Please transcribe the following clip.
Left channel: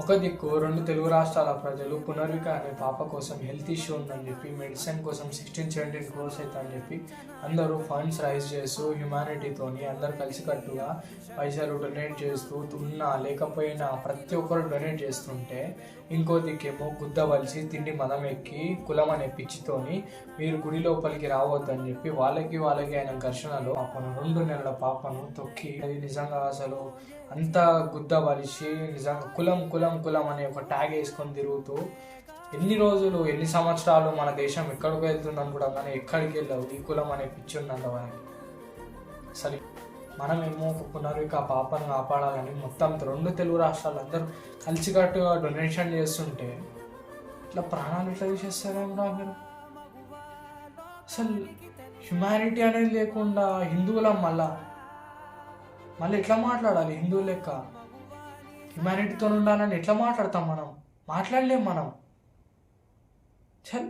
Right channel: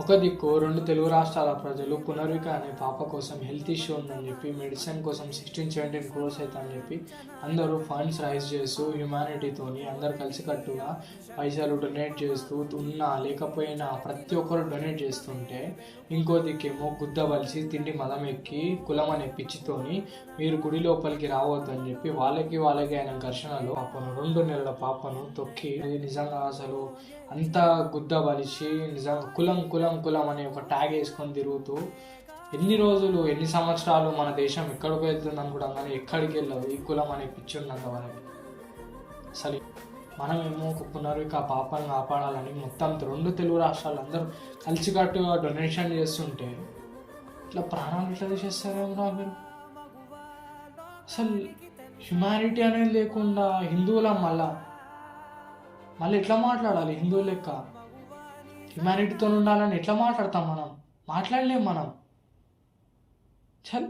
ఒక దిక్కు రెండు తెలుగు రాష్ట్రాల ప్రజలు పునర్విక అనే పాప కోసం హెల్త్ ఇష్యూ ఉందని చెప్పి మెడిసిన్ కోసం 16-17 crores అవుతుందని చెప్పి అందరూ ఫండ్స్ రైజ్ చేస్తూ హ్యుమానిటీతోని అందరు కలిసికట్టుగా పైసలు డొనేట్ చేస్తూ ఉన్నా లేకపోయినా ప్రతి ఒక్కరు డొనేట్ చేస్తుంటే ఇంకో దిక్కేమో గుద్ద వలిసి తిండి మదం ఎక్కి కులం అనే పిచ్చితోని మీరు గుడి లోపలికి రావద్దని చెప్పి వాళ్ళకి అయిన ఘర్షణలో పాపను 2 నెలల పాపను తొక్కి అది నిజంగా అసలు అంత గుద్ద వలిసి నిజంగా కులం కులం కులం అనే ఒక ట్యాగ్ వేసుకొని తిరుగుతూ ఎన్ని రోజులు ఎన్ని సంవత్సరాలు మన దేశం ఎక్కడికి వెళ్తుందని కూడా కానీ ఎక్కడికి వెళ్ళవు ఈ కులం అనే పిచ్చి ఉన్నంత వరకు. అసలు మనమేమో ఒక పునర్విక పాపను కాపాడాలని మొత్తం 2 తెలుగు రాష్ట్రాలు అందరూ కలిసికట్టుగా డొనేషన్ చేస్తుంటే ఇట్లా ప్రాణాలు ఎట్లా తీసేస్తారేమో మీరు. అసలు హ్యుమానిటీ అనేది లేకుండా హిందువుల మళ్ళీ ఎట్లా మాట్లాడాలి? హిందువు లెక్క హ్యుమానిటీతో ఉండాలని ఎట్లా మాట్లాడతాం? మనం మాట్లాడలేం. మనం చల్